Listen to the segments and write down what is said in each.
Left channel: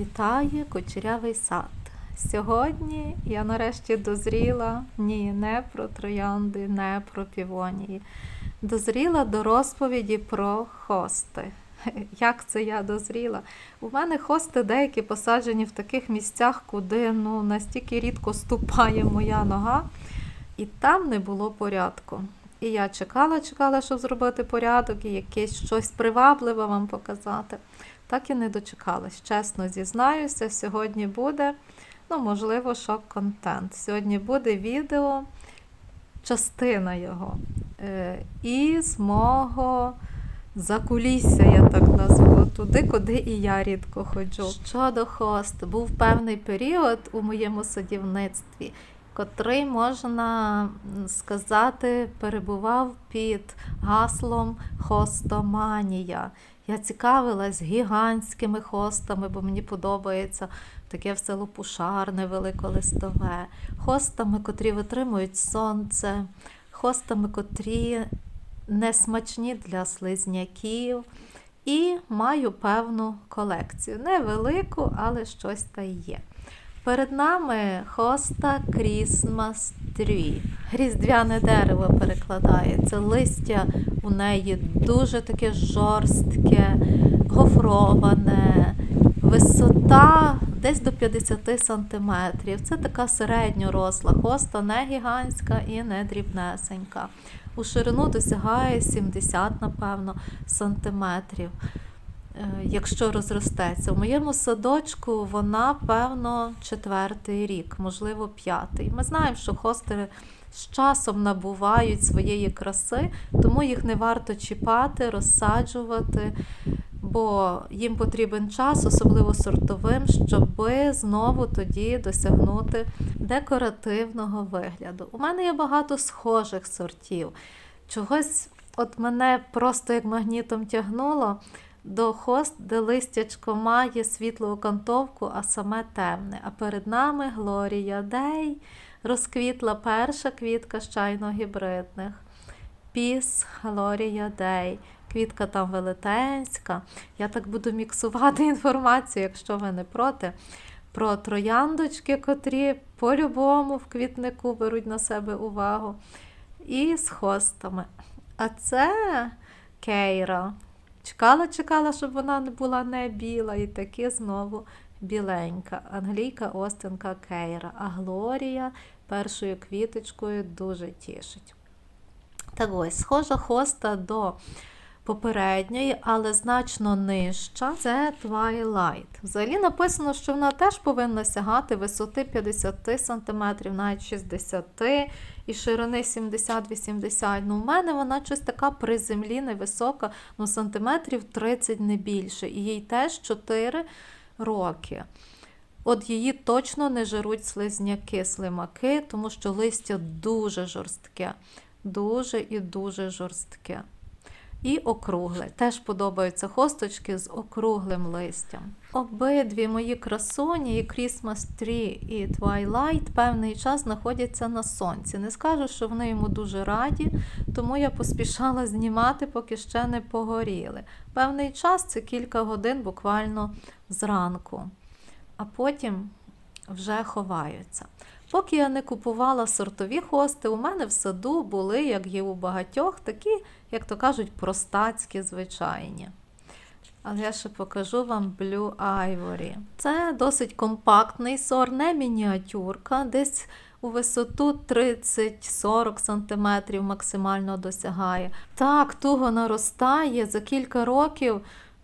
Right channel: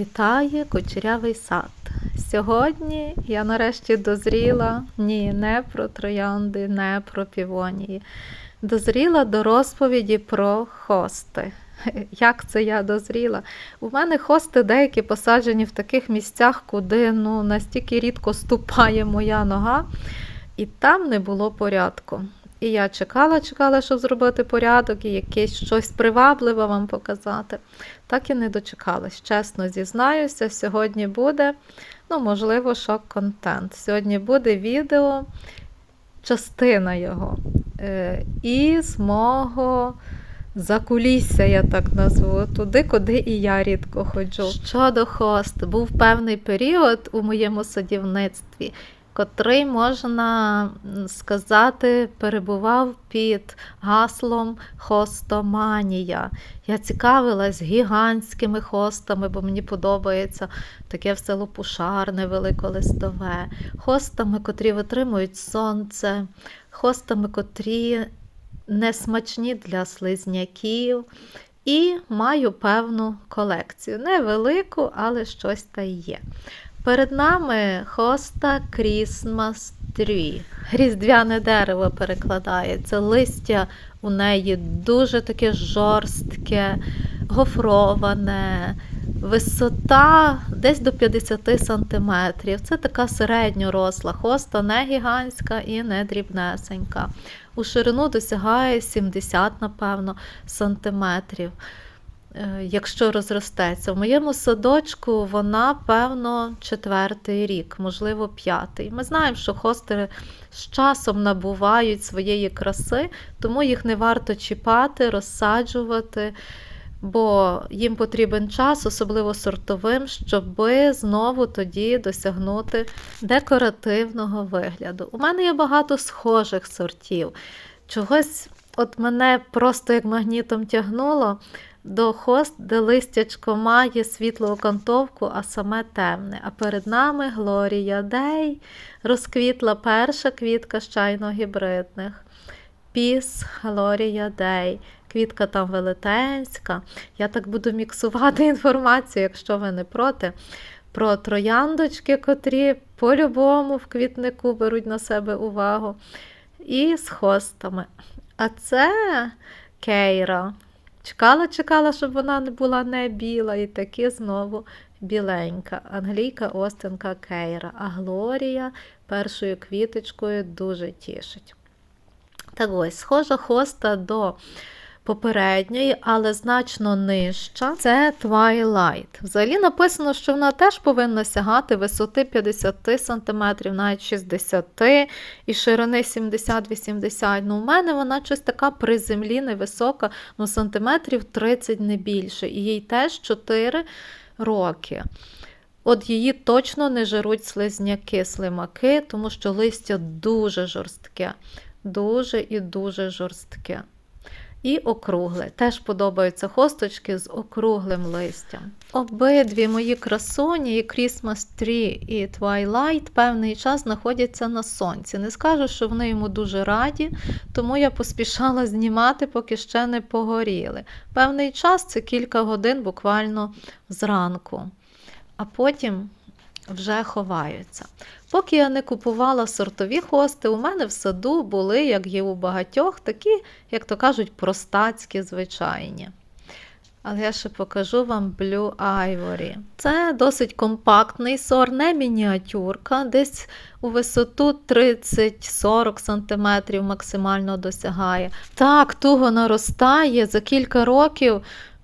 Вітає кучерявий сад. Сьогодні я нарешті дозріла ні, не про троянди, не про півонії. Дозріла до розповіді про хости. Як це я дозріла? У мене хости деякі посаджені в таких місцях, куди ну, настільки рідко ступає моя нога, і там не було порядку. І я чекала, чекала, щоб зробити порядок і якесь щось привабливе вам показати. Так і не дочекалась. Чесно зізнаюся, сьогодні буде, ну, можливо, шок-контент. Сьогодні буде відео, частина його. Е, із мого закулісся, я так назву, туди, куди і я рідко ходжу. Щодо хост, був певний період у моєму садівництві, котрий, можна сказати, перебував під гаслом хостоманія. Я цікавилась гігантськими хостами, бо мені подобається таке все лопушарне, великолистове, хостами, котрі витримують сонце, хостами, котрі не смачні для слизняків. І маю певну колекцію. Невелику, але щось та є. Перед нами хоста Christmas Tree. Різдвяне дерево перекладається. Листя у неї дуже таке жорстке, гофроване, висота десь до 50 сантиметрів. Це така середньоросла хоста, не гігантська і не дрібнесенька. У ширину досягає 70, напевно, сантиметрів. Е, Якщо розростеться. В моєму садочку вона, певно, четвертий рік, можливо, п'ятий. Ми знаємо, що хостери з часом набувають своєї краси, тому їх не варто чіпати, розсаджувати, бо їм потрібен час, особливо сортовим, щоб знову тоді досягнути декоративного вигляду. У мене є багато схожих сортів. Чогось от мене просто як магнітом тягнуло до хост, де листячко має світлу окантовку, а саме темне. А перед нами Глорія Дей розквітла перша квітка з чайно-гібридних. Піс Глорія Дей. Квітка там велетенська. Я так буду міксувати інформацію, якщо ви не проти. Про трояндочки, котрі по-любому в квітнику беруть на себе увагу. І з хостами. А це кейра. Чекала, чекала, щоб вона була не біла, і таки знову біленька. Англійка Остинка Кейра. А Глорія першою квіточкою дуже тішить. Так ось, схожа хоста до попередньої, але значно нижча. Це Twilight. Взагалі написано, що вона теж повинна сягати висоти 50 см, навіть 60 і ширини 70-80 Ну, у мене вона щось така при землі невисока, ну сантиметрів 30 не більше. І їй теж 4 роки. От її точно не жируть слизняки, слимаки, тому що листя дуже жорстке, дуже і дуже жорстке. І округле. Теж подобаються хосточки з округлим листям. Обидві мої красуні, і Christmas Tree і Twilight, певний час знаходяться на сонці. Не скажу, що вони йому дуже раді, тому я поспішала знімати, поки ще не погоріли. Певний час це кілька годин буквально зранку, а потім вже ховаються. Поки я не купувала сортові хости, у мене в саду були, як є у багатьох, такі, як то кажуть, простацькі, звичайні. Але я ще покажу вам Blue Ivory. Це досить компактний сорт, не мініатюрка, десь у висоту 30-40 см максимально досягає. Так, туго наростає за кілька років.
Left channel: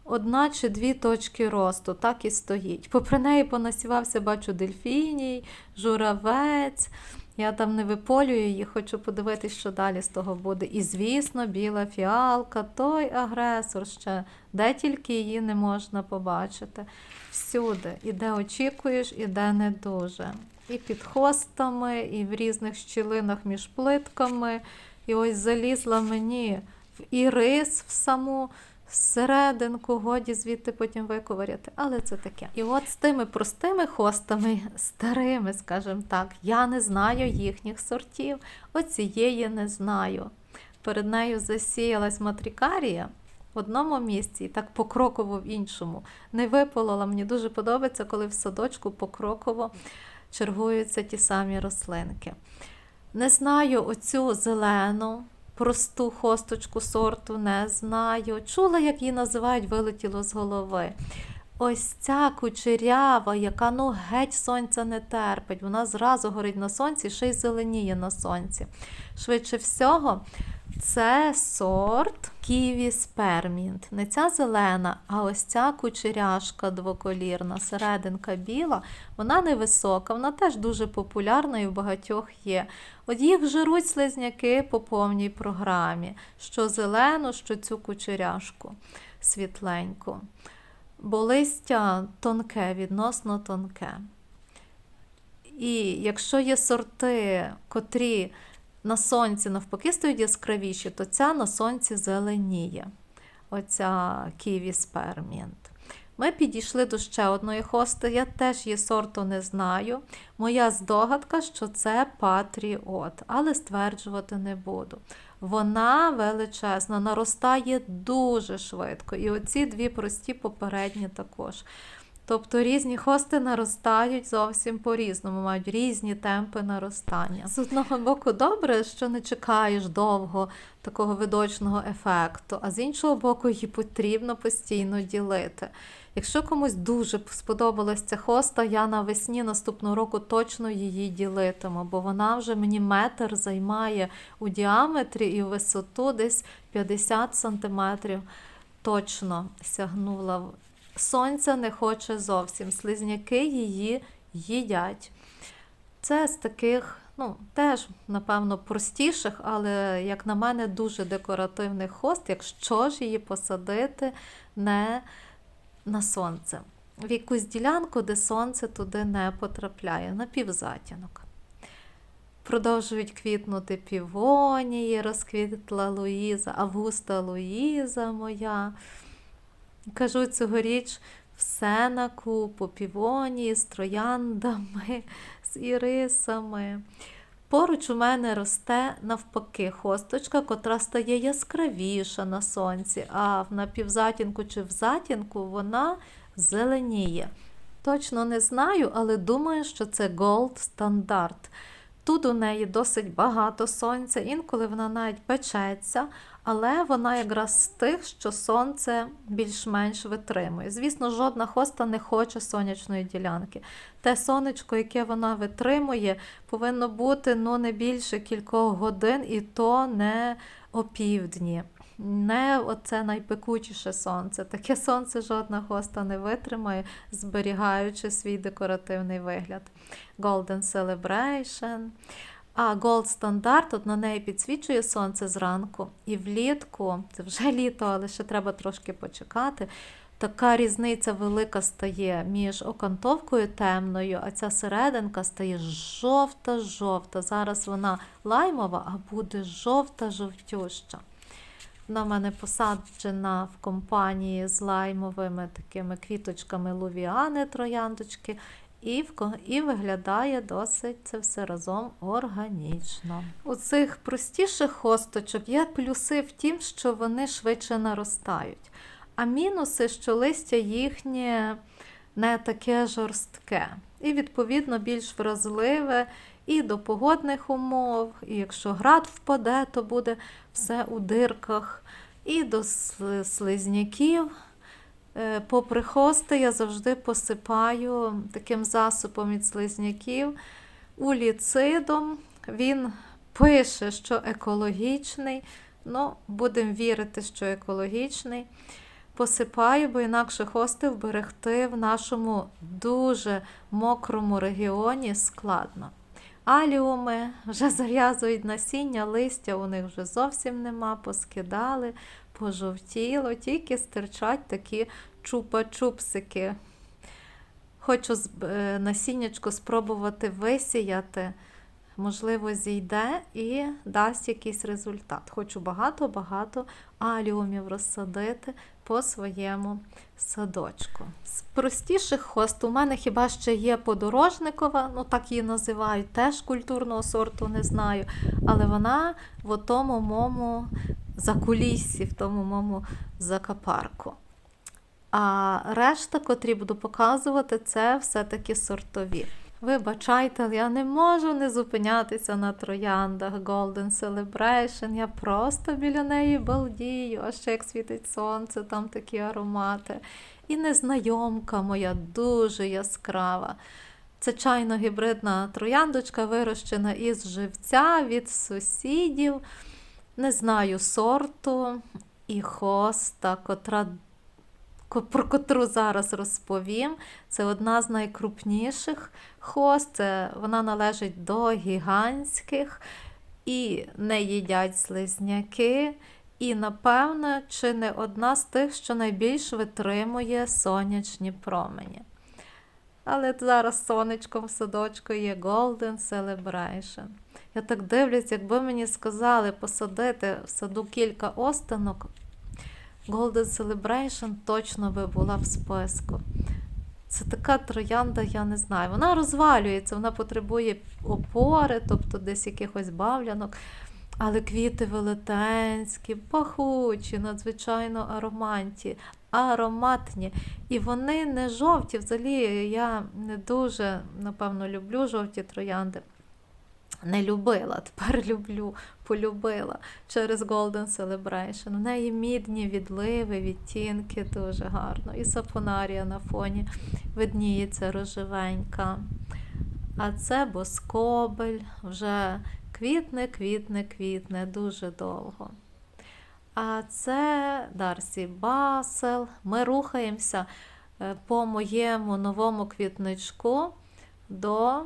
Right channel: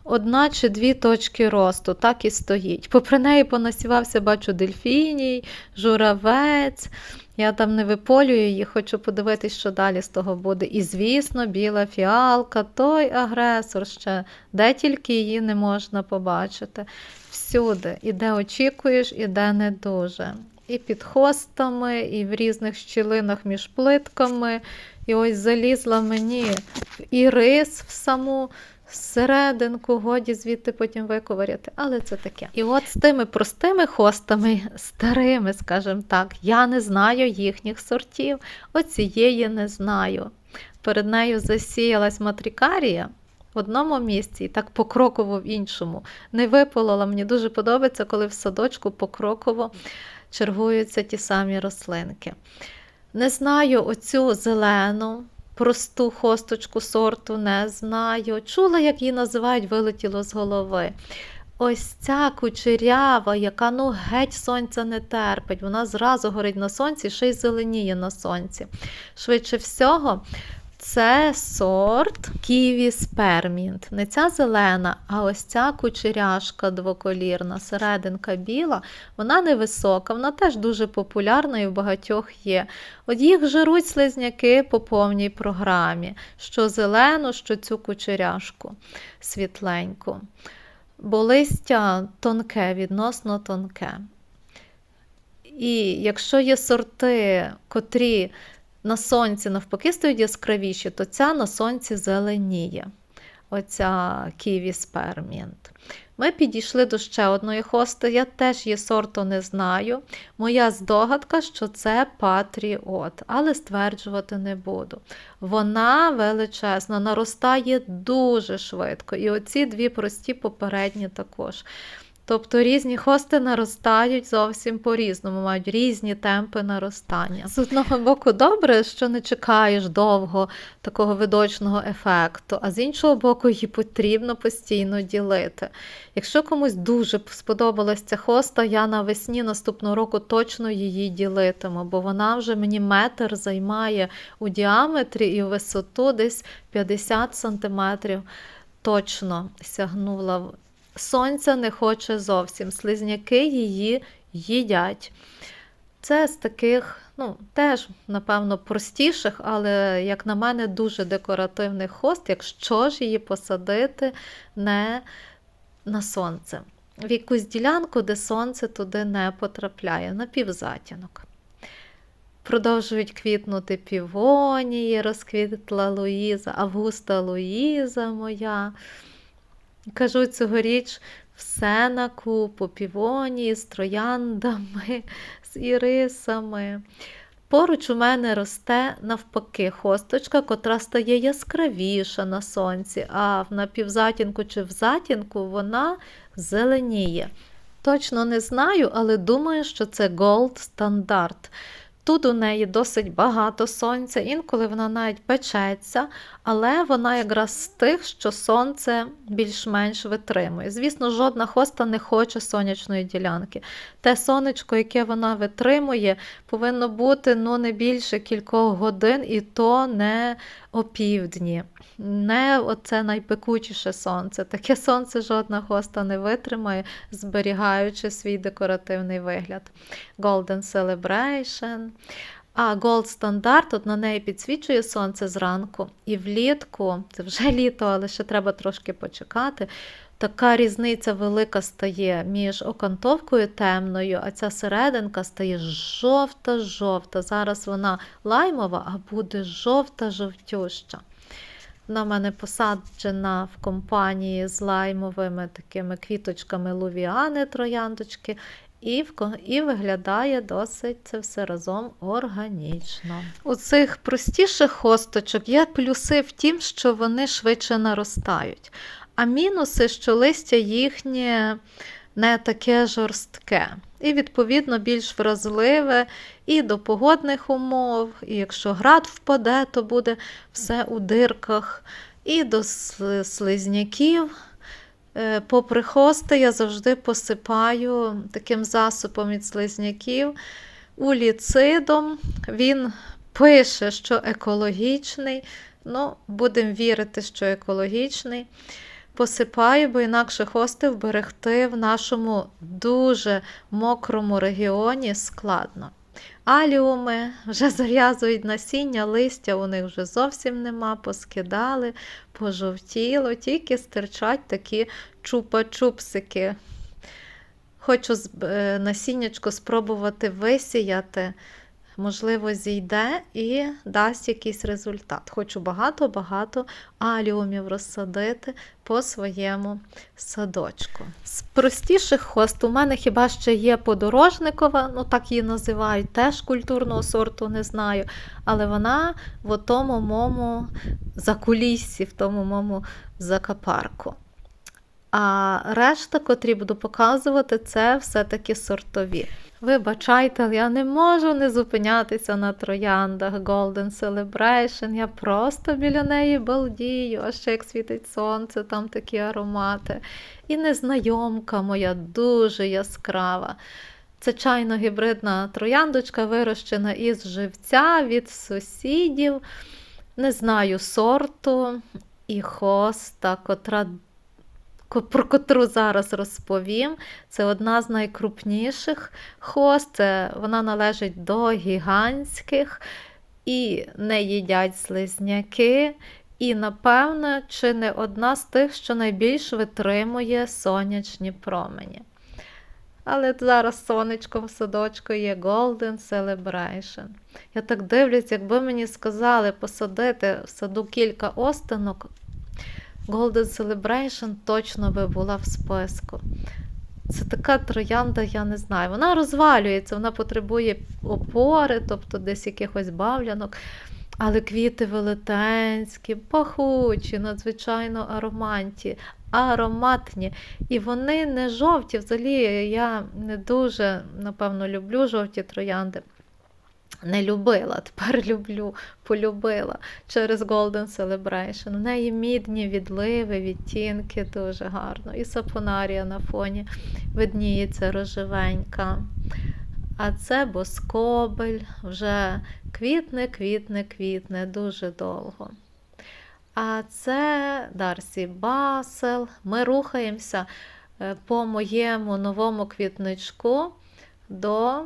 Одна чи дві точки росту, так і стоїть. Попри неї понасівався, бачу, дельфіній, журавець. Я там не виполюю її, хочу подивитись, що далі з того буде. І, звісно, біла фіалка, той агресор ще, де тільки її не можна побачити. Всюди, і де очікуєш, і де не дуже. І під хостами, і в різних щілинах між плитками. І ось залізла мені в ірис в саму серединку, годі звідти потім виковиряти, але це таке. І от з тими простими хостами, старими, скажімо так, я не знаю їхніх сортів, оцієї не знаю. Перед нею засіялась матрікарія. в одному місці і так покроково в іншому. Не виполола. Мені дуже подобається, коли в садочку покроково чергуються ті самі рослинки. Не знаю оцю зелену, просту хосточку сорту, не знаю. Чула, як її називають, вилетіло з голови. Ось ця кучерява, яка ну геть сонця не терпить. Вона зразу горить на сонці, ще й зеленіє на сонці. Швидше всього, це сорт Ківі Спермінт. Не ця зелена, а ось ця кучеряшка двоколірна, серединка біла. Вона невисока, вона теж дуже популярна і в багатьох є. От їх жируть слизняки по повній програмі: що зелену, що цю кучеряшку світленьку. Бо листя тонке, відносно тонке. І якщо є сорти, котрі на сонці навпаки стають яскравіші, то ця на сонці зеленіє. Оця ківі спермінт. Ми підійшли до ще одної хости. Я теж її сорту не знаю. Моя здогадка, що це патріот, але стверджувати не буду. Вона величезна, наростає дуже швидко. І оці дві прості попередні також. Тобто різні хости наростають зовсім по-різному, мають різні темпи наростання. З одного боку, добре, що не чекаєш довго такого видочного ефекту, а з іншого боку, її потрібно постійно ділити. Якщо комусь дуже сподобалась ця хоста, я навесні наступного року точно її ділитиму, бо вона вже мені метр займає у діаметрі і у висоту десь 50 сантиметрів. Точно сягнула сонця не хоче зовсім. Слизняки її їдять. Це з таких, ну, теж, напевно, простіших, але, як на мене, дуже декоративних хост, якщо ж її посадити не на сонце. В якусь ділянку, де сонце туди не потрапляє, на півзатінок. Продовжують квітнути півонії, розквітла Луїза, Августа Луїза моя. Кажу, цьогоріч все на купу, півонії з трояндами, з ірисами. Поруч у мене росте навпаки хосточка, котра стає яскравіша на сонці, а в напівзатінку чи в затінку вона зеленіє. Точно не знаю, але думаю, що це Gold Standard. Тут у неї досить багато сонця, інколи вона навіть печеться, але вона якраз з тих, що сонце більш-менш витримує. Звісно, жодна хоста не хоче сонячної ділянки. Те сонечко, яке вона витримує, повинно бути ну, не більше кількох годин, і то не опівдні. Не оце найпекучіше сонце. Таке сонце жодна хоста не витримає, зберігаючи свій декоративний вигляд. Golden Celebration. А Gold Standard, от на неї підсвічує сонце зранку. І влітку, це вже літо, але ще треба трошки почекати. Така різниця велика стає між окантовкою темною, а ця серединка стає жовта-жовта. Зараз вона лаймова, а буде жовта-жовтюща. Вона в мене посаджена в компанії з лаймовими такими квіточками лувіани, трояндочки, і і виглядає досить це все разом органічно. У цих простіших хосточок є плюси в тім, що вони швидше наростають. А мінуси, що листя їхнє не таке жорстке. І, відповідно, більш вразливе і до погодних умов, і якщо град впаде, то буде все у дирках, і до слизняків. Е, попри хости, я завжди посипаю таким засобом від слизняків уліцидом. Він пише, що екологічний. Ну, будемо вірити, що екологічний. Посипаю, бо інакше хости вберегти в нашому дуже мокрому регіоні складно. Аліуми вже зав'язують насіння, листя у них вже зовсім нема, поскидали, пожовтіло, тільки стирчать такі чупа-чупсики. Хочу е, насіннячко спробувати висіяти, можливо, зійде і дасть якийсь результат. Хочу багато-багато аліумів розсадити, по своєму садочку. З простіших хост у мене хіба ще є подорожникова, ну так її називають, теж культурного сорту не знаю. Але вона в тому моєму закуліссі, в тому моєму закапарку. А решта, котрі буду показувати, це все-таки сортові. Вибачайте, я не можу не зупинятися на трояндах Golden Celebration. Я просто біля неї балдію, а ще як світить сонце, там такі аромати. І незнайомка моя дуже яскрава. Це чайно-гібридна трояндочка, вирощена із живця від сусідів. Не знаю сорту і хоста, котра ко- про котру зараз розповім. Це одна з найкрупніших хост. Вона належить до гігантських і не їдять слизняки. І, напевно, чи не одна з тих, що найбільш витримує сонячні промені. Але зараз сонечком в садочку є Golden Celebration. Я так дивлюсь, якби мені сказали посадити в саду кілька останок, Golden Celebration точно би була в списку. Це така троянда, я не знаю. Вона розвалюється, вона потребує опори, тобто десь якихось бавлянок. Але квіти велетенські, пахучі, надзвичайно ароманті, ароматні. І вони не жовті. Взагалі я не дуже, напевно, люблю жовті троянди. Не любила, тепер люблю, полюбила через Golden Celebration. У неї мідні відливи, відтінки дуже гарно. І сапонарія на фоні видніється рожевенька. А це боскобель, вже квітне, квітне, квітне дуже довго. А це Дарсі Басел. Ми рухаємося е, по моєму новому квітничку до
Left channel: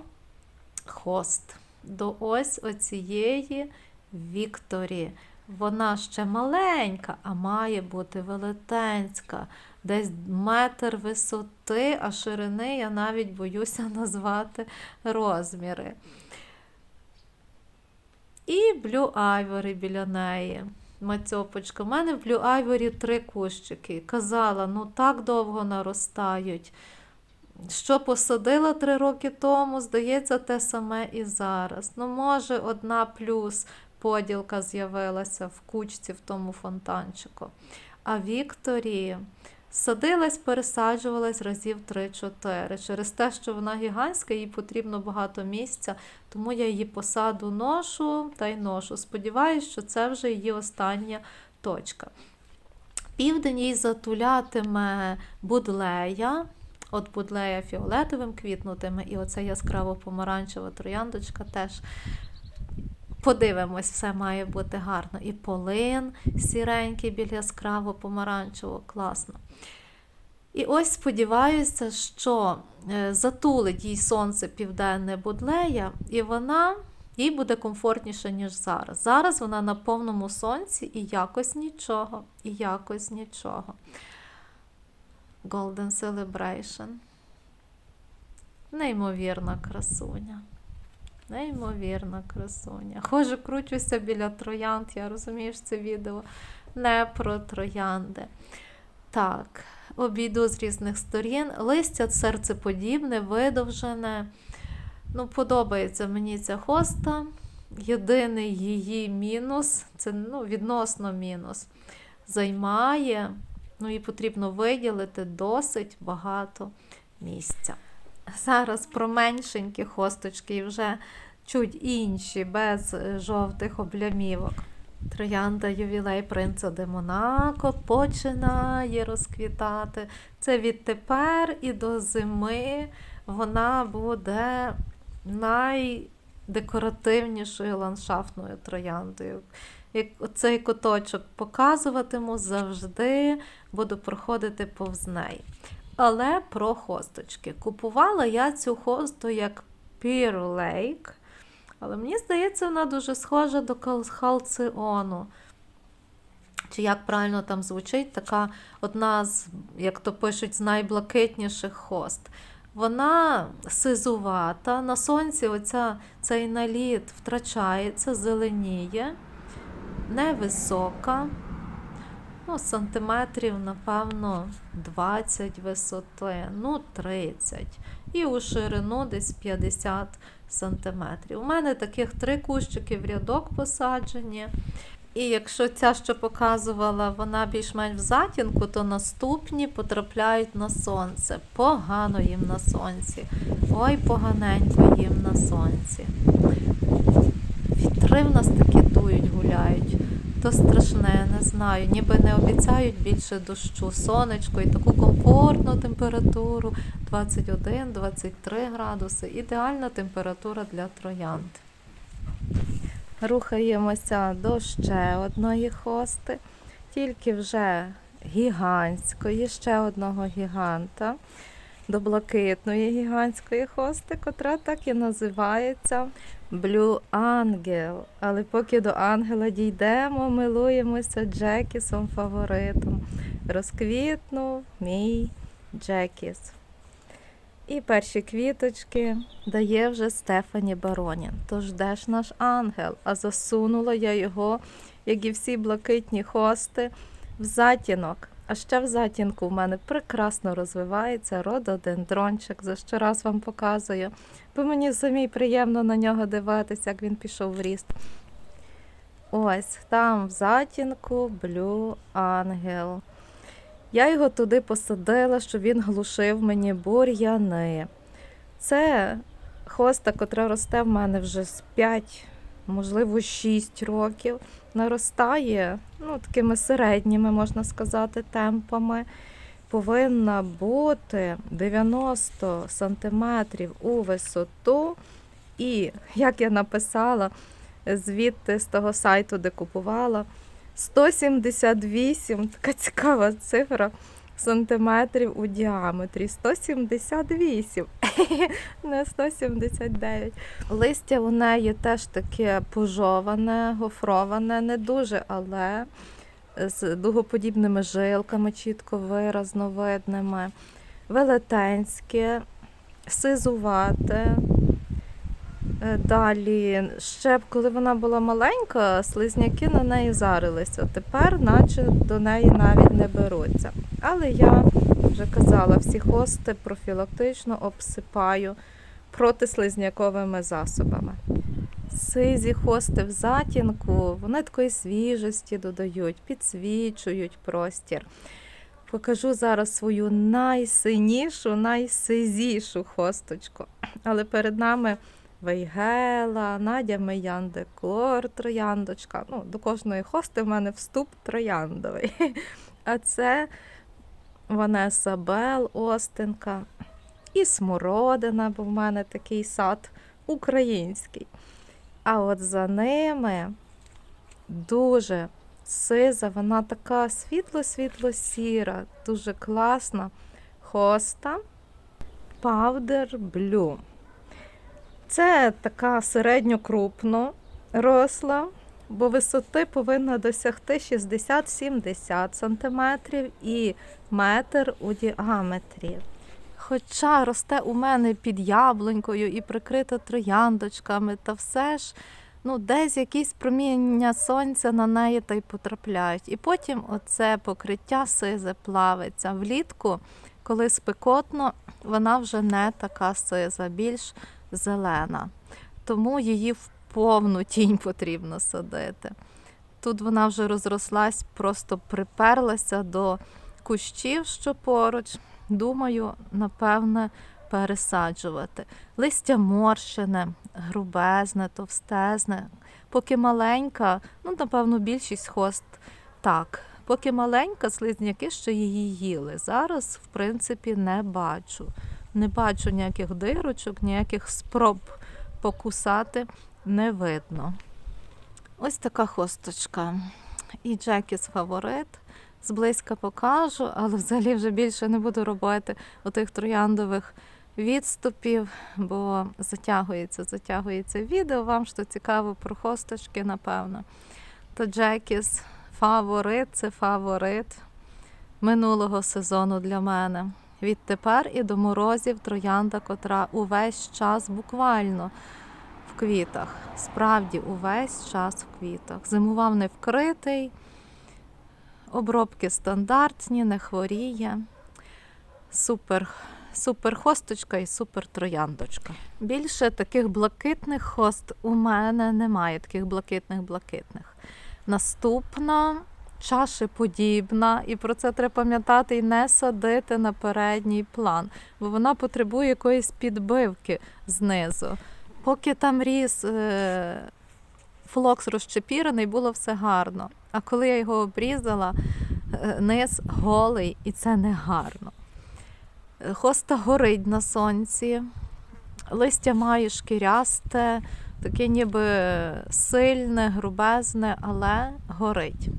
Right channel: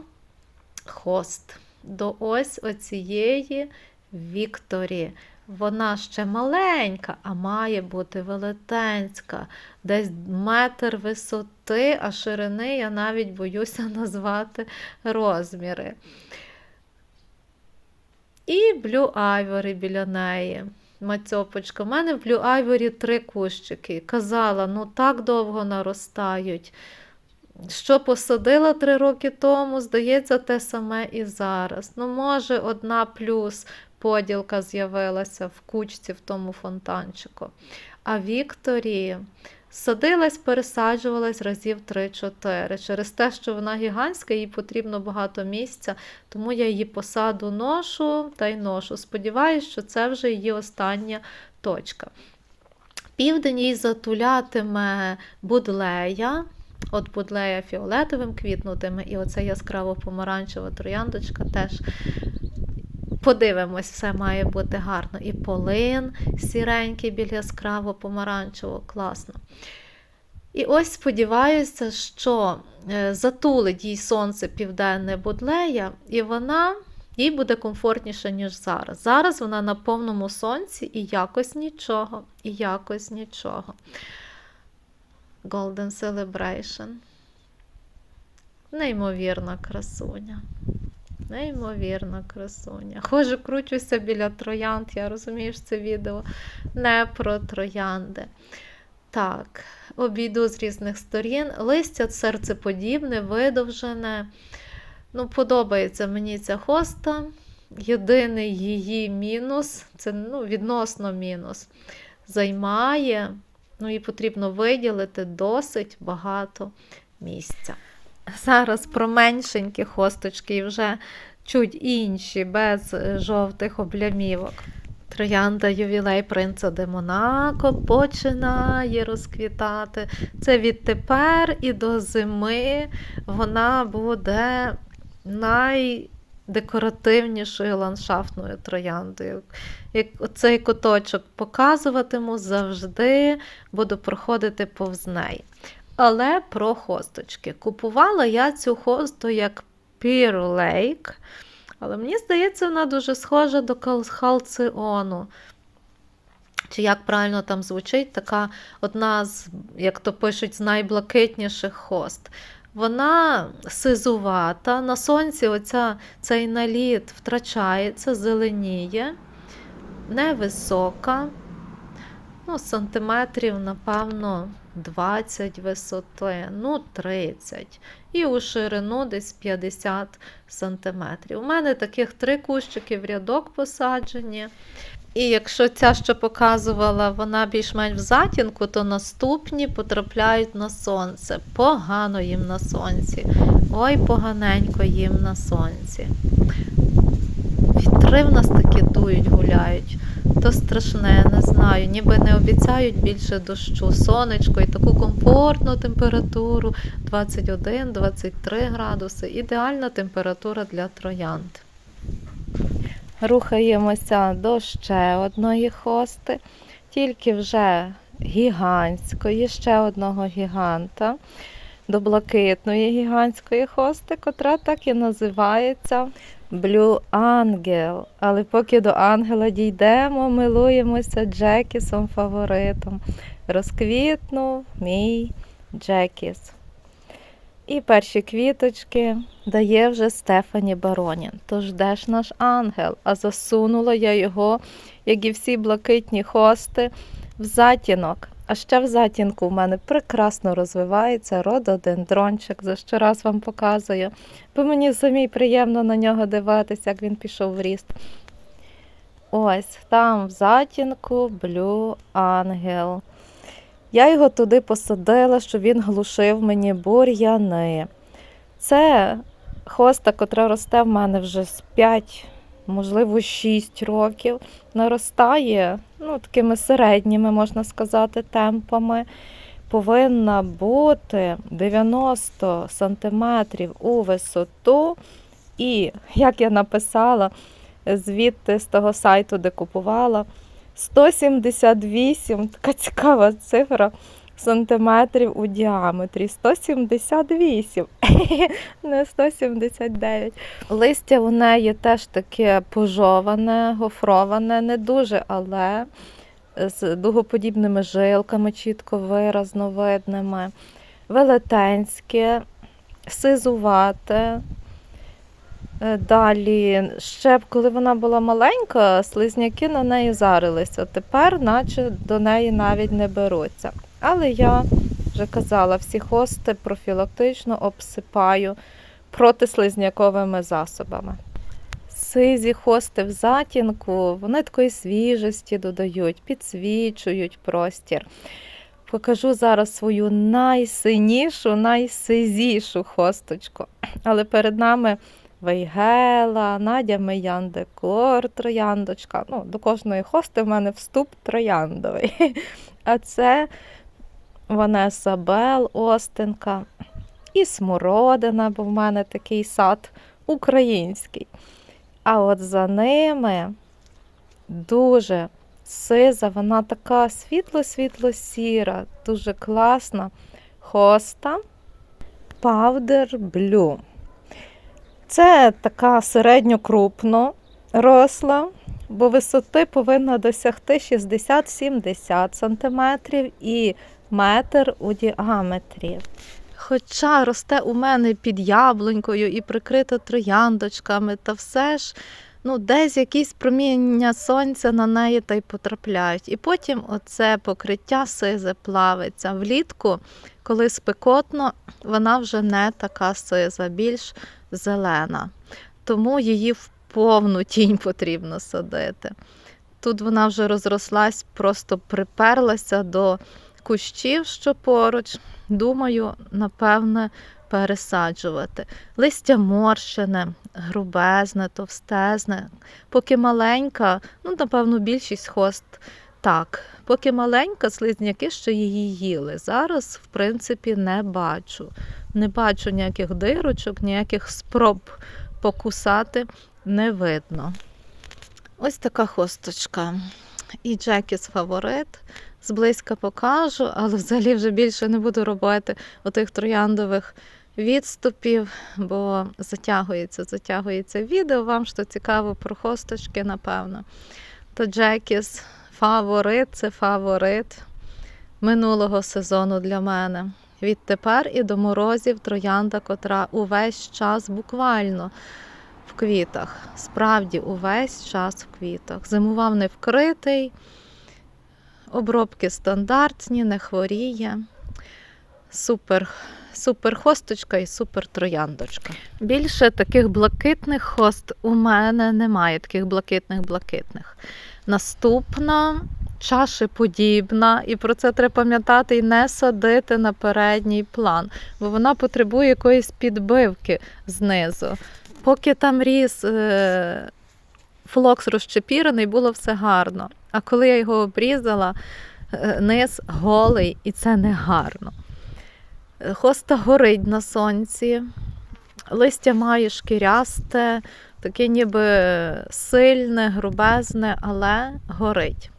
хост, до ось оцієї Вікторі. Вона ще маленька, а має бути велетенська, десь метр висоти, а ширини я навіть боюся назвати розміри. І Blue Ivory біля неї. Мацьопочка. У мене в Blue Ivory три кущики. Казала, ну так довго наростають. Що посадила три роки тому, здається, те саме і зараз. Ну, може, одна плюс поділка з'явилася в кучці в тому фонтанчику. А Вікторії садилась, пересаджувалась разів 3-4. Через те, що вона гігантська, їй потрібно багато місця, тому я її посаду ношу та й ношу. Сподіваюсь, що це вже її остання точка. Південь їй затулятиме будлея. От будлея фіолетовим квітнутиме, і оця яскраво помаранчева трояндочка теж подивимось, все має бути гарно. І полин сіренький біля яскраво помаранчевого, класно. І ось сподіваюся, що е, затулить їй сонце південне будлея, і вона їй буде комфортніше, ніж зараз. Зараз вона на повному сонці і якось нічого, і якось нічого. Golden Celebration. Неймовірна красуня. Неймовірна красуня. Хожу, кручуся біля троянд. Я розумію, що це відео не про троянди. Так, обійду з різних сторін. Листя серцеподібне, видовжене. Ну, подобається мені ця хоста. Єдиний її мінус це ну, відносно мінус. Займає, ну і потрібно виділити досить багато місця. Зараз про меншенькі хосточки вже чуть інші, без е, жовтих облямівок. Троянда ювілей принца де Монако починає розквітати. Це відтепер і до зими вона буде найдекоративнішою ландшафтною трояндою. Як оцей куточок показуватиму, завжди буду проходити повз неї. Але про хосточки. Купувала я цю хосту як Pear Lake, але мені здається, вона дуже схожа до халціону. Чи як правильно там звучить, така одна з, як то пишуть, з найблакитніших хост. Вона сизувата, на сонці оця, цей наліт втрачається, зеленіє, невисока. ну, сантиметрів, напевно, 20 висоти, ну 30. І у ширину десь 50 сантиметрів. У мене таких три кущики в рядок посаджені. І якщо ця, що показувала, вона більш-менш в затінку, то наступні потрапляють на сонце. Погано їм на сонці. Ой, поганенько їм на сонці. Вітри в нас такі дують, гуляють. То страшне, не знаю. Ніби не обіцяють більше дощу, сонечко і таку комфортну температуру 21-23 градуси. Ідеальна температура для троянд. Рухаємося до ще одної хости, тільки вже гігантської, ще одного гіганта, до блакитної гігантської хости, котра так і називається Blue Angel. Але поки до ангела дійдемо, милуємося Джекісом фаворитом. Розквітнув мій Джекіс. І перші квіточки дає вже Стефані Баронін. Тож де ж наш ангел? А засунула я його, як і всі блакитні хости, в затінок. А ще в затінку в мене прекрасно розвивається рододендрончик, за що раз вам показую. Бо мені самій приємно на нього дивитися, як він пішов в ріст. Ось там в затінку Блю Ангел. Я його туди посадила, щоб він глушив мені бур'яни. Це хоста, котра росте в мене вже з 5, можливо, 6 років. Наростає ну, такими середніми, можна сказати, темпами. Повинна бути 90 сантиметрів у висоту. І, як я написала звідти з того сайту, де купувала, 178, така цікава цифра, сантиметрів у діаметрі. 178, не 179. Листя у неї теж таке пожоване, гофроване, не дуже, але з дугоподібними жилками, чітко виразно видними, велетенське, сизувате. Е, Далі, ще коли вона була маленька, слизняки на неї зарилися. Тепер, наче до неї навіть не беруться. Але я вже казала, всі хости профілактично обсипаю протислизняковими засобами. Сизі хости в затінку, вони такої свіжості додають, підсвічують простір. Покажу зараз свою найсинішу, найсизішу хосточку. Але перед нами Вейгела, Надя Меян Декор, трояндочка. Ну, до кожної хости в мене вступ трояндовий. А це Ванеса Бел, Остинка і Смородина, бо в мене такий сад український. А от за ними дуже сиза, вона така світло-світло-сіра, дуже класна хоста Powder Blue. Це така середньокрупно росла, бо висоти повинна досягти 60-70 см і метр у діаметрі. Хоча росте у мене під яблунькою і прикрита трояндочками, та все ж ну, десь якісь проміння сонця на неї та й потрапляють. І потім оце покриття сизе плавиться. Влітку, коли спекотно, вона вже не така сиза, більш зелена. Тому її в повну тінь потрібно садити. Тут вона вже розрослась, просто приперлася до кущів, що поруч. Думаю, напевне, пересаджувати. Листя морщене, грубезне, товстезне. Поки маленька, ну, напевно, більшість хост так. Поки маленька, слизняки ще її їли. Зараз, в принципі, не бачу. Не бачу ніяких дирочок, ніяких спроб покусати не видно. Ось така хосточка. І Джекіс фаворит. Зблизька покажу, але взагалі вже більше не буду робити отих трояндових відступів, бо затягується, затягується відео. Вам що цікаво про хосточки, напевно. То Джекіс фаворит це фаворит минулого сезону для мене. Відтепер і до морозів троянда, котра увесь час буквально в квітах. Справді, увесь час в квітах. Зимував не вкритий. Обробки стандартні, не хворіє. Супер, супер хосточка і супер трояндочка. Більше таких блакитних хост у мене немає, таких блакитних-блакитних. Наступна чашеподібна, і про це треба пам'ятати і не садити на передній план, бо вона потребує якоїсь підбивки знизу. Поки там ріс е, флокс розчепірений, було все гарно. А коли я його обрізала, е, низ голий, і це не гарно. Е, Хоста горить на сонці, листя має шкірясте, таке ніби сильне, грубезне, але горить.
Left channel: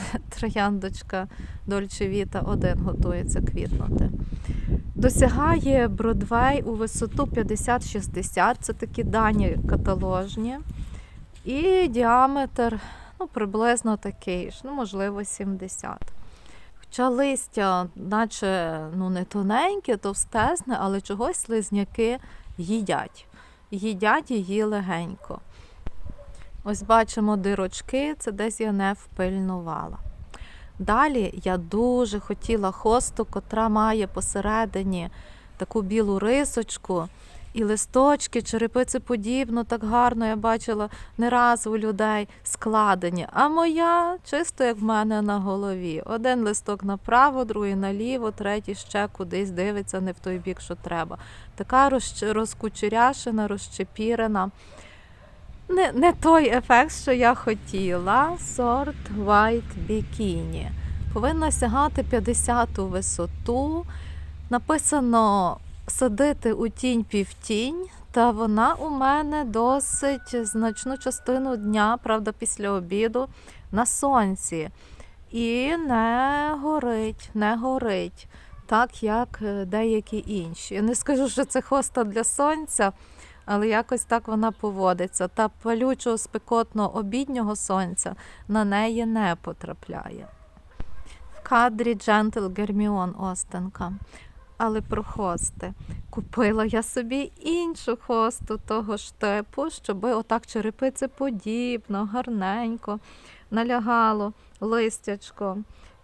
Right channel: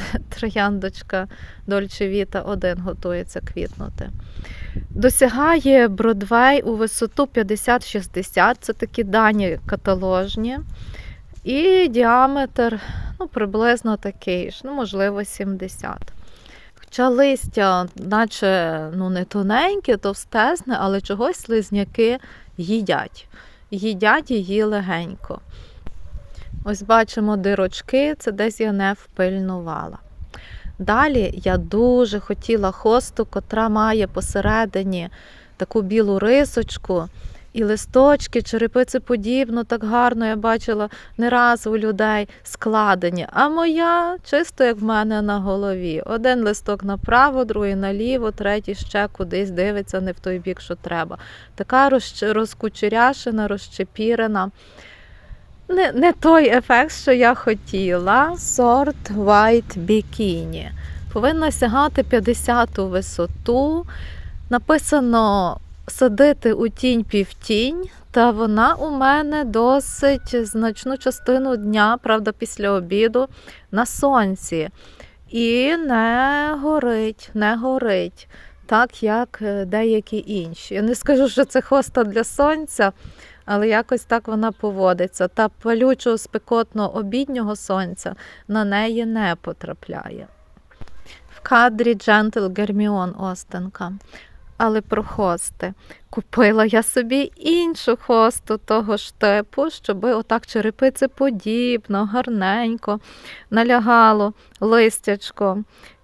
Трояндочка Дольче Віта 1 готується квітнути. Досягає Бродвей у висоту 50-60, це такі дані каталожні. І діаметр ну, приблизно такий ж, ну, можливо, 70. Хоча листя, наче ну, не тоненьке, товстезне, але чогось слизняки їдять. Їдять її легенько. Ось бачимо дирочки, це десь я не впильнувала. Далі я дуже хотіла хосту, котра має посередині таку білу рисочку і листочки, черепицеподібно, так гарно я бачила не раз у людей складені. А моя чисто як в мене на голові. Один листок направо, другий наліво, третій ще кудись дивиться не в той бік, що треба. Така розкучеряшена, розчепірена. Не, не той ефект, що я хотіла. Сорт White Bikini. Повинна сягати 50 висоту. Написано садити у тінь півтінь, та вона у мене досить значну частину дня, правда, після обіду, на сонці. І не горить, не горить, так як е, деякі інші. Я не скажу, що це хоста для сонця, але якось так вона поводиться. Та палючого спекотного обіднього сонця на неї не потрапляє. В кадрі Gentle Герміон Остенка. Але про хости. Купила я собі іншу хосту того ж типу, щоб отак черепиці подібно, гарненько налягало листячко.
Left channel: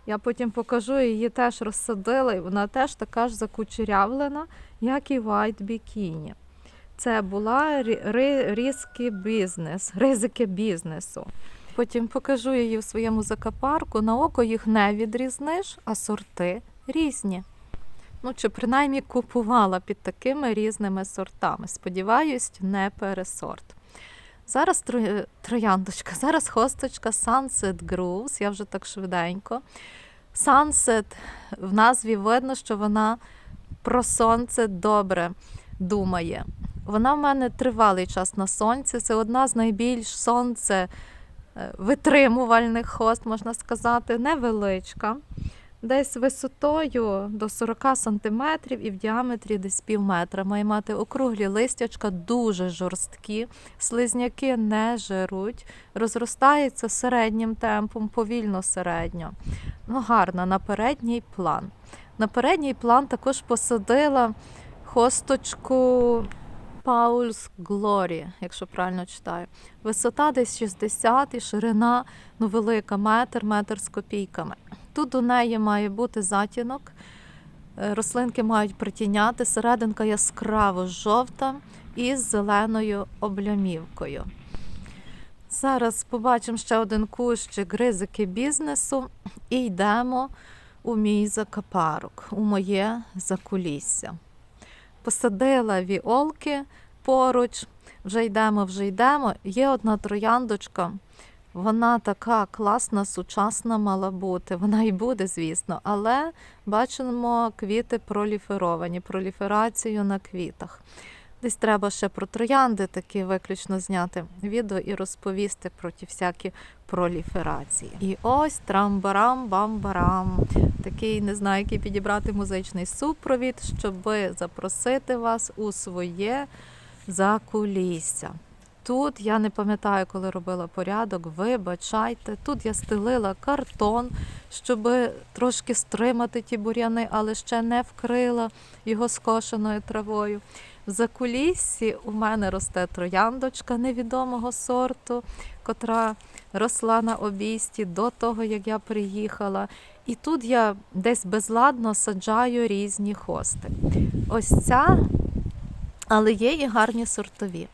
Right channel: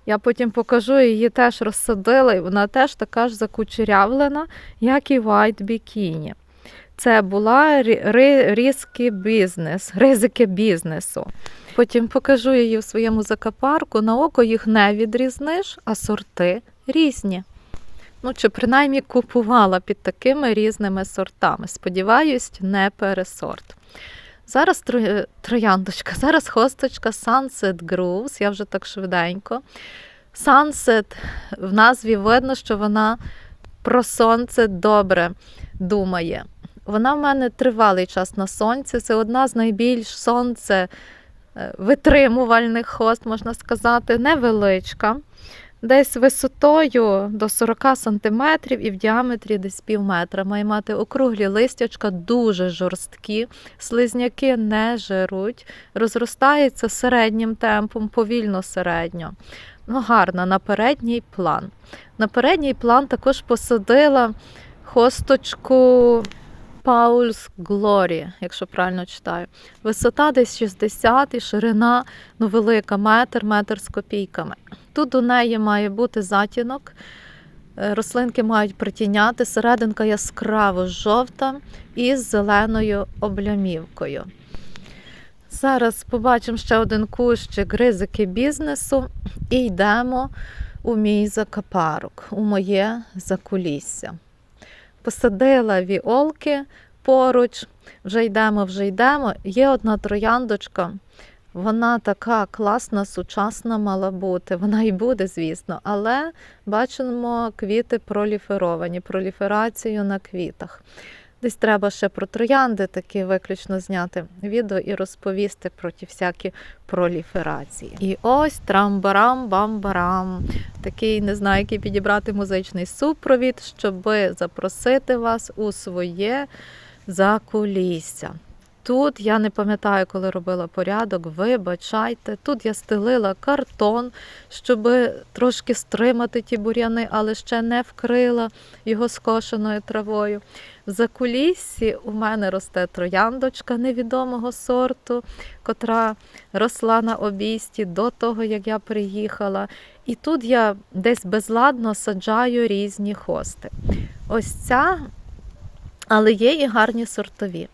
Я потім покажу, її теж розсадила, і вона теж така ж закучерявлена, як і White Bikini. Це була рі- різки бізнес, ризики бізнесу. Потім покажу її в своєму закапарку. На око їх не відрізниш, а сорти різні. Ну, чи принаймні купувала під такими різними сортами. Сподіваюсь, не пересорт. Зараз трояндочка, зараз хосточка Sunset Grooves, я вже так швиденько. Sunset в назві видно, що вона про сонце добре думає. Вона в мене тривалий час на сонці. Це одна з найбільш сонце е, витримувальних хост, можна сказати, невеличка. Десь висотою до 40 см і в діаметрі десь пів метра. Має мати округлі листячка, дуже жорсткі, слизняки не жируть, розростається середнім темпом, повільно середньо. Ну, гарна на передній план. На передній план також посадила хосточку Paul's Glory, якщо правильно читаю. Висота десь 60 і ширина ну, велика, метр, метр з копійками. Тут у неї має бути затінок. е, Рослинки мають притіняти, серединка яскраво жовта із зеленою облямівкою. Зараз побачимо ще один кущик ризики бізнесу і йдемо у мій закапарок, у моє закулісся. Посадила віолки поруч, вже йдемо, вже йдемо. Є одна трояндочка, вона така класна, сучасна мала бути. Вона і буде, звісно, але бачимо квіти проліферовані, проліферацію на квітах. Десь треба ще про троянди такі виключно зняти відео і розповісти про ті всякі проліферації. І ось трамбарам-бамбарам. Такий не знаю, який підібрати музичний супровід, щоб запросити вас у своє закулісся. Тут я не пам'ятаю, коли робила порядок, вибачайте. Тут я стелила картон, щоб трошки стримати ті бур'яни, але ще не вкрила його скошеною травою. В закуліссі у мене росте трояндочка невідомого сорту, котра росла на обійсті до того, як я приїхала. І тут я десь безладно саджаю різні хости. Ось ця, але є і гарні сортові.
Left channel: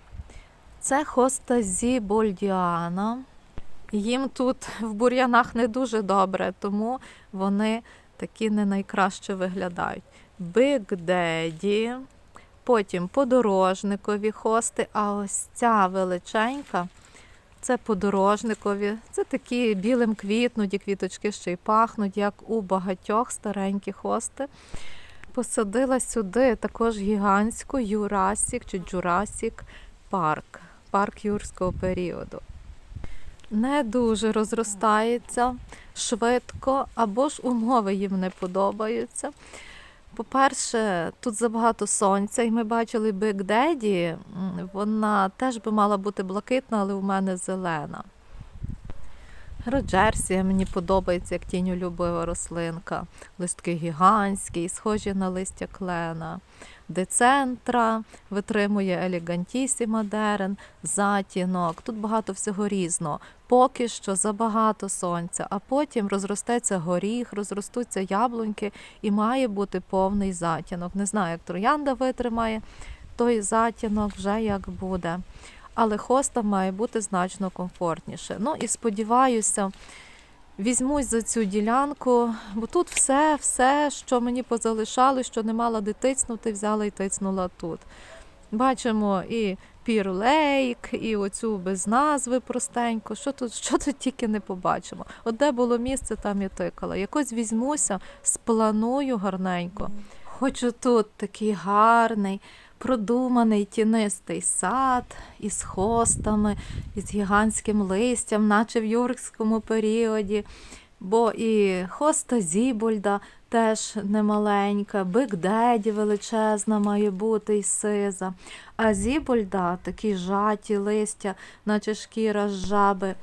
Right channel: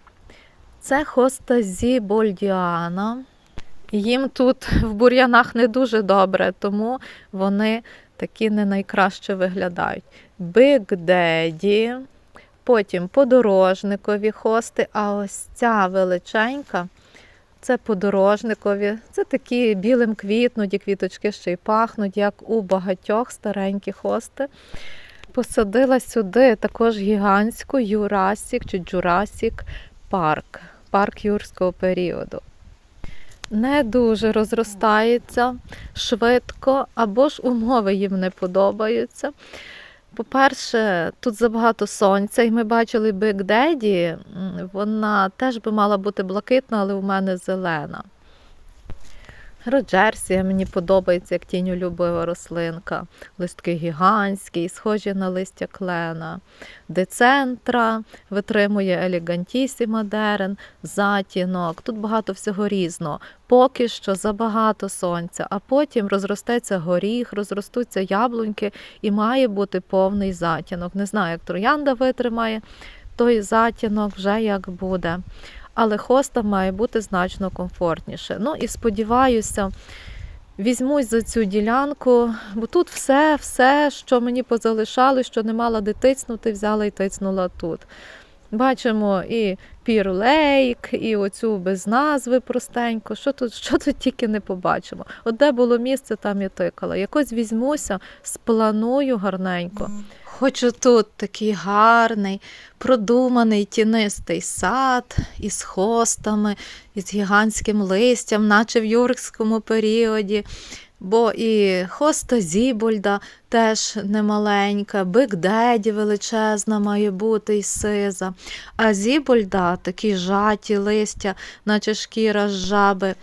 Це хоста Зібольдіана. Їм тут в бур'янах не дуже добре, тому вони такі не найкраще виглядають. Big Daddy, потім подорожникові хости, а ось ця величенька це подорожникові. Це такі білим квітнуть, і квіточки ще й пахнуть, як у багатьох старенькі хости. Посадила сюди також гігантську Юрасік чи Джурасік парк, парк юрського періоду. Не дуже розростається швидко, або ж умови їм не подобаються. По-перше, тут забагато сонця, і ми бачили Big Daddy, вона теж би мала бути блакитна, але у мене зелена. Роджерсія мені подобається як тінь улюблива рослинка. Листки гігантські, схожі на листя клена. Децентра витримує елегантісіма дерен, затінок. Тут багато всього різного. Поки що забагато сонця, а потім розростеться горіх, розростуться яблуньки і має бути повний затінок. Не знаю, як троянда витримає той затінок вже як буде. Але хоста має бути значно комфортніше. Ну і сподіваюся, візьмусь за цю ділянку, бо тут все, все, що мені позалишали, що не мала де тицнути, взяла і тицнула тут. Бачимо і пірлейк, і оцю без назви простенько. Що тут, що тут тільки не побачимо. От де було місце, там я тикала. Якось візьмуся, спланую гарненько. Хочу тут такий гарний, продуманий тінистий сад із хостами, із гігантським листям, наче в юркському періоді. Бо і хоста Зібольда теж немаленька, Биг величезна має бути і сиза. А Зібольда такі жаті листя, наче шкіра з жаби.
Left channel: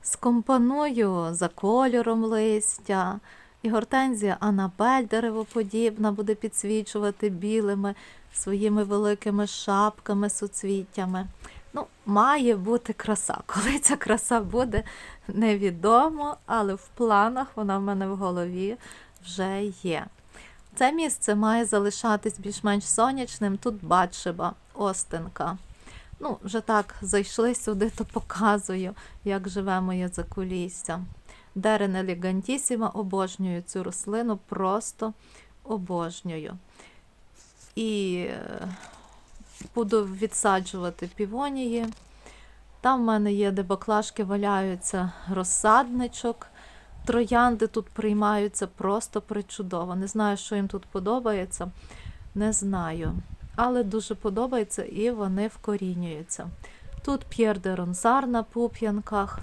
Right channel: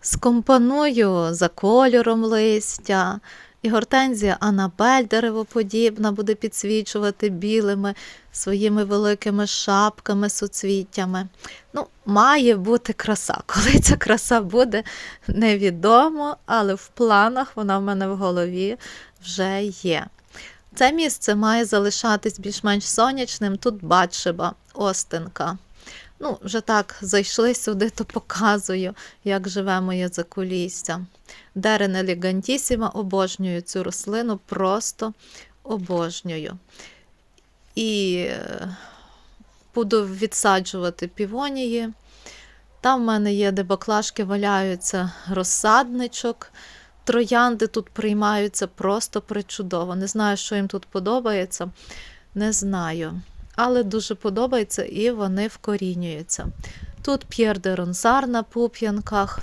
Скомпоную за кольором листя. І гортензія Анабель деревоподібна буде підсвічувати білими своїми великими шапками, суцвіттями. Ну, має бути краса. Коли ця краса буде, невідомо, але в планах вона в мене в голові вже є. Це місце має залишатись більш-менш сонячним. Тут Батшеба, Остинка. Ну, вже так зайшли сюди, то показую, як живе моє закулісся. Дерен елегантісіма, обожнюю цю рослину, просто обожнюю. І е, буду відсаджувати півонії. Там в мене є, де баклажки валяються розсадничок. Троянди тут приймаються просто причудово. Не знаю, що їм тут подобається, не знаю. Але дуже подобається і вони вкорінюються. Тут П'єр де Ронсар на пуп'янках.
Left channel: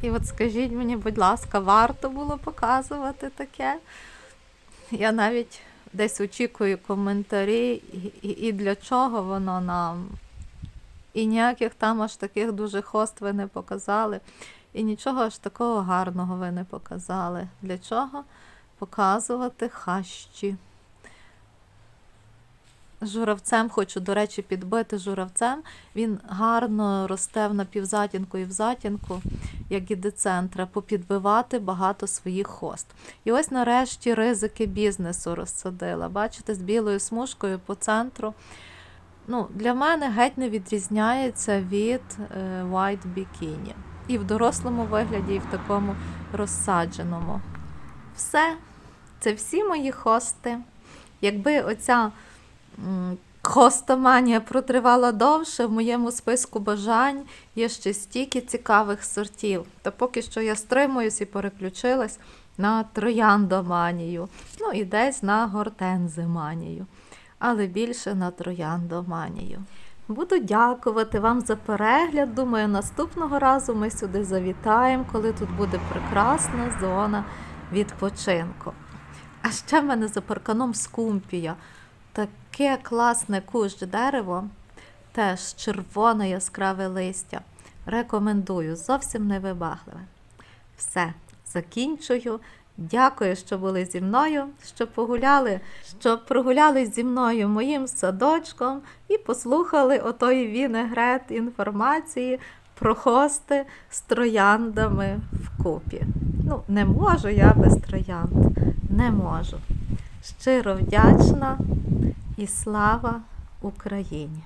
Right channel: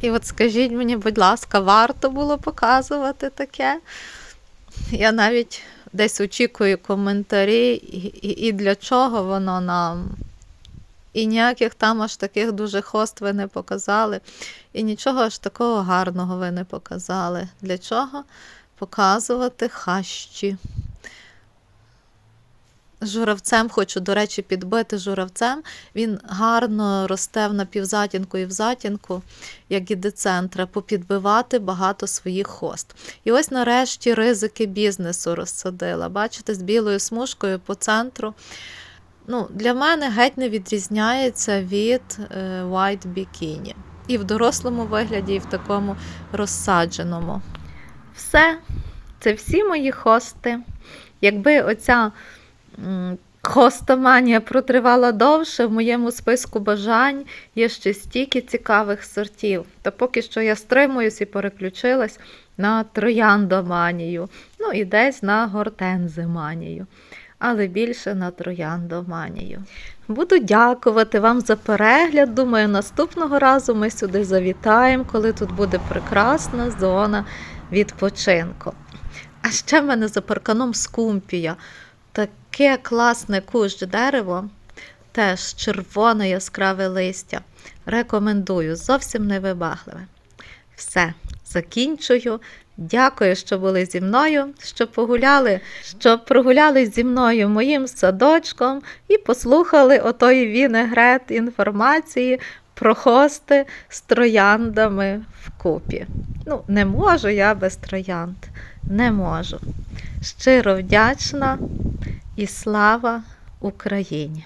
І от скажіть мені, будь ласка, варто було показувати таке? Я навіть десь очікую коментарі, і, і, для чого воно нам. І ніяких там аж таких дуже хост ви не показали. І нічого аж такого гарного ви не показали. Для чого показувати хащі? Журавцем хочу, до речі, підбити журавцем. Він гарно росте в напівзатінку і в затінку, як і децентра, попідбивати багато своїх хост. І ось нарешті ризики бізнесу розсадила. Бачите, з білою смужкою по центру. Ну, Для мене геть не відрізняється від е, White Bikini. І в дорослому вигляді, і в такому розсадженому. Все, це всі мої хости. Якби оця м, хостоманія протривала довше, в моєму списку бажань є ще стільки цікавих сортів. Та поки що я стримуюсь і переключилась на трояндоманію, ну і десь на гортензиманію, але більше на трояндоманію. Буду дякувати вам за перегляд. Думаю, наступного разу ми сюди завітаємо, коли тут буде прекрасна зона відпочинку. А ще в мене за парканом скумпія. Таке класне кущ дерево, теж червоне яскраве листя. Рекомендую, зовсім невибагливе. Все, закінчую. Дякую, що були зі мною, що погуляли, що прогуляли зі мною моїм садочком і послухали отої вінегрет інформації прохости з трояндами вкупі. Ну, не можу я без троянд, не можу. Щиро вдячна і слава Україні!